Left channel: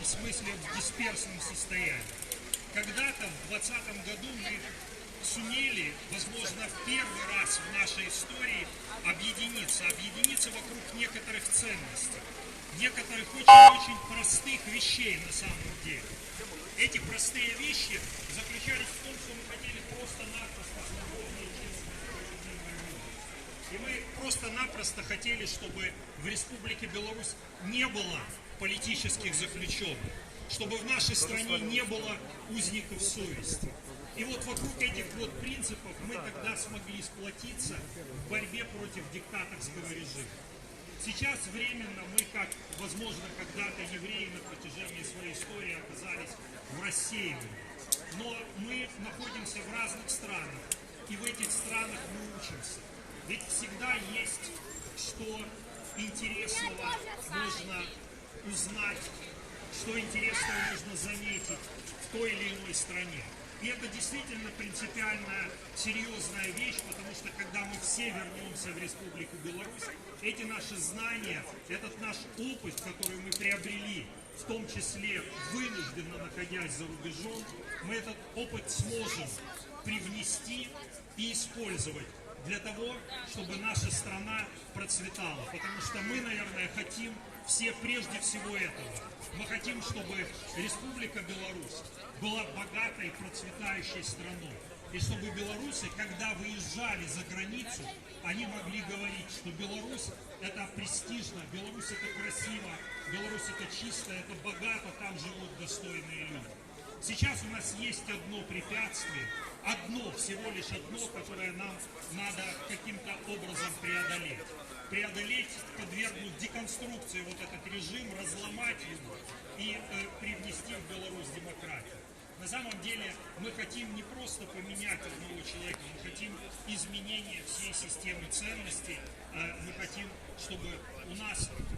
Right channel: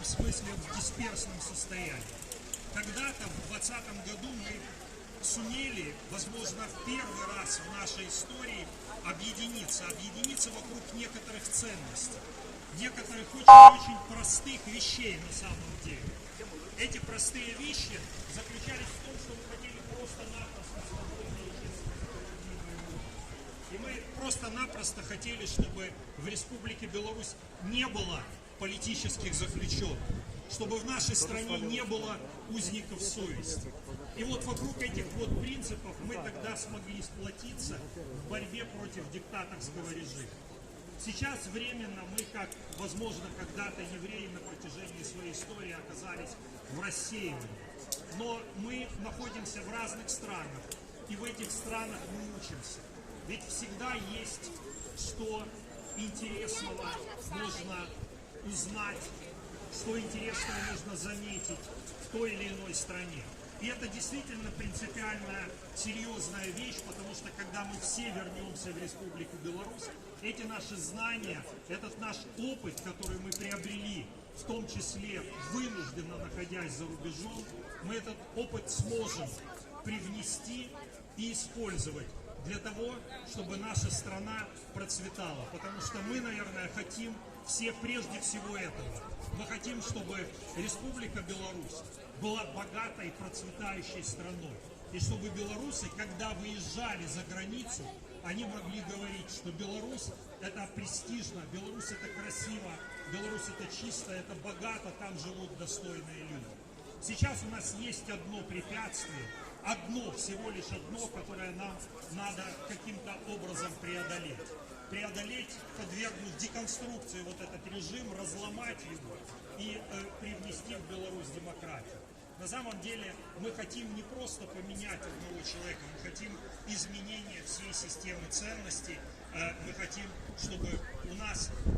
этом смысле в дисперсном состоянии. Когда-то в 2020 году мы сумели, возможно, в первый раз в нашей истории объединиться вокруг некоторых ценностей, некоторых очень-очень простых вещей на самом деле. Эти простые вещи заключались в том, что мы хотели просто-напросто свободно и честно жить. И мы просто-напросто хотели, чтобы в Республике Беларусь не было политических заключенных, чтобы в нашей стране не было узников совести. И вот вокруг этих вот принципов мы тогда смогли сплотиться в борьбе против диктаторского режима. Сейчас временно мы, как, возможно, когда-то евреи на протяжении своей истории оказались в рассеивании. Но мы находимся в разных странах, и в этих странах мы учимся. Ведь всегда есть что интересного нужно узнать, что интересного нужно заметить в той или иной стране. И это действительно принципиальная, серьезная вещь, потому что когда мы все вернемся в Республику Беларусь, эти наши знания, этот наш опыт, который мы приобрели, в том числе вынужденно находясь за рубежом, мы этот опыт сможем привнести и использовать для того, чтобы наша страна процветала. Потому что мы, наверное, хотим все прежде всего этого. Мы хотим, чтобы Республика Беларусь была богатой, процветающей страной. И чтобы белорусы, когда выезжали за границу, они могли говорить, что Беларусь это престижно, Беларусь это красиво, Беларусь это чисто, это богато, там живут достойные люди. Сейчас у нас есть одно препятствие, всего лишь одно, которое нам надо каким-то образом преодолеть. Подвергнуть деконструкции вот этот режим, разломать его и привнести в Беларусь демократию. На самом деле мы хотим не просто поменять одного человека, мы хотим изменения всей системы ценностей, мы хотим, чтобы у нас